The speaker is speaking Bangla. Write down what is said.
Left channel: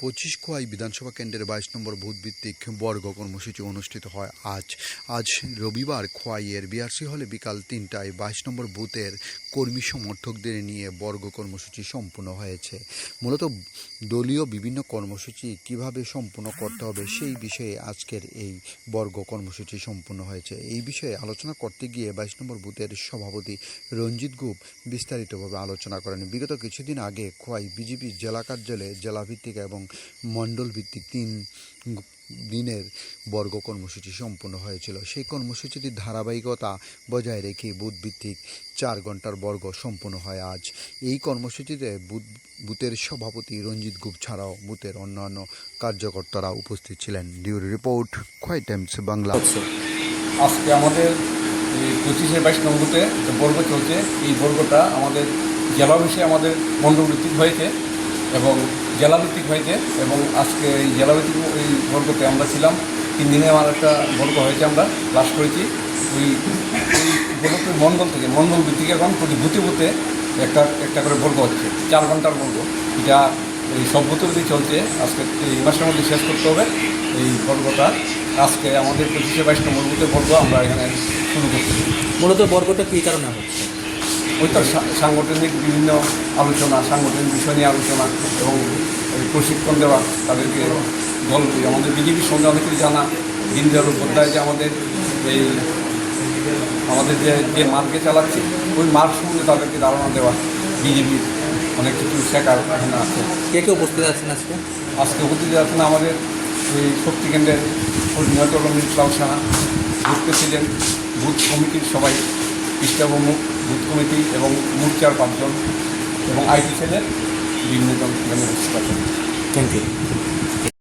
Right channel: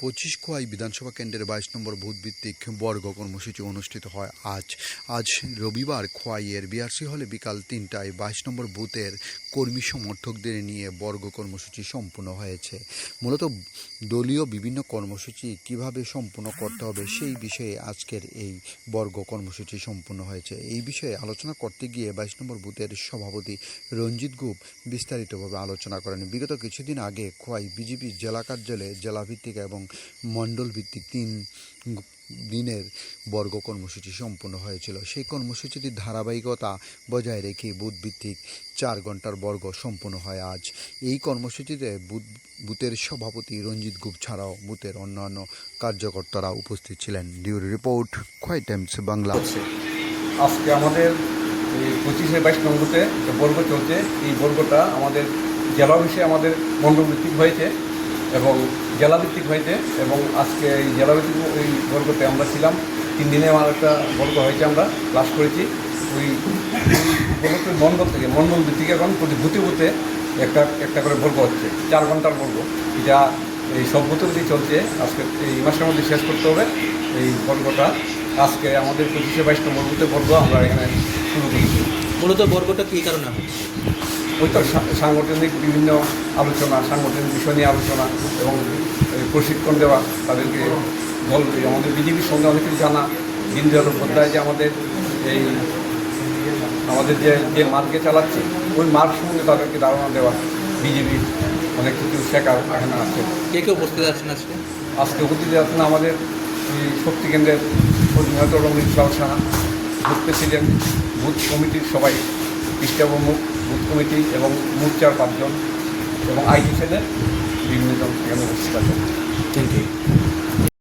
25 খোয়াই বিধানসভা কেন্দ্রের 22 নম্বর বুথভিত্তিক বর্গ কর্মসূচি অনুষ্ঠিত হয় আজ রবিবার খোয়াইয়ের বিআরসি হলে বিকাল 3টায় 22 নম্বর বুথের কর্মী সমর্থকদের নিয়ে বর্গ কর্মসূচি সম্পূর্ণ হয়েছে। মূলত দলীয় বিভিন্ন কর্মসূচি কিভাবে সম্পূর্ণ করতে হবে সেই বিষয়ে আজকের এই বর্গ কর্মসূচি সম্পূর্ণ হয়েছে। এই বিষয়ে আলোচনা করতে গিয়ে 22 নম্বর বুথের সভাপতি রঞ্জিত গুপ বিস্তারিতভাবে আলোচনা করেন। বিগত কিছুদিন আগে খোয়াই বিজেপি জেলা কার্যালয়ে জেলাভিত্তিক এবং মণ্ডল ভিত্তিক 3 দিনের বর্গ কর্মসূচি সম্পন্ন হয়েছিল। সেই কর্মসূচিটির ধারাবাহিকতা বজায় রেখে বুথভিত্তিক 4 ঘন্টার বর্গ সম্পন্ন হয় আজ। এই কর্মসূচিতে বুথের সভাপতি রঞ্জিত গুপ ছাড়াও বুথের অন্যান্য কার্যকর্তারা উপস্থিত ছিলেন। ডিউরি রিপোর্ট, খোয়াই টাইমস বাংলা। আজকে আমাদের 25-22 নম্বরে যে বর্গ চলছে, এই বর্গটা আমাদের জেলা বিষয়ে আমাদের মণ্ডলভিত্তিক হয়েছে এবং জেলাভিত্তিক হয়েছে এবং আজকে এই জেলাভিত্তিক এই বর্গতে আমরা ছিলাম 3 দিনে আমার একটা বর্গ হয়েছে, আমরা লাস্ট করেছি। ওই বর্গের মণ্ডল থেকে মণ্ডল ভিত্তিক এবং প্রতি বুথে বুথে একটা করে বর্গ হচ্ছে, 4 ঘন্টার বর্গ। এটা এই সব বুথের দিয়ে চলছে। আজকে এই মাসের মধ্যে শেষ করতে হবে এই বর্গটা। আজকে আমাদের 25-22 নম্বর বুথে বর্গ আমরা এখানে শুরু করেছি। মূলত বর্গটা কী কারণে হচ্ছে? ওই তো সাংগঠনিক বিভিন্ন আলোচনা, সাংগঠনিক বিষয় নিয়ে আলোচনা এবং প্রশিক্ষণ দেওয়া তাদেরকে দল আমাদের বিজেপির সঙ্গে অনেক কিছু জানা, দীনদয়াল উপাধ্যায় যে আমাদের এই আমাদের যে মার্কে চালাচ্ছে ওই মার্ক সম্বন্ধে তাদেরকে ধারণা দেওয়া, বিজেপির অনেক কিছু শেখার এখানে আছে। কে উপস্থিত আছেন আজকে উপস্থিত আছেন আমাদের এই শক্তি কেন্দ্রের কোঅর্ডিনেটর রঞ্জিত সাহা, বুথ প্রেসিডেন্ট, বুথ কমিটির সবাই, পৃষ্ঠাবন্ধু বুথ কমিটি এবং মোর্চার 5 জন এবং আইটি সেলের বিভিন্ন জন। Thank you.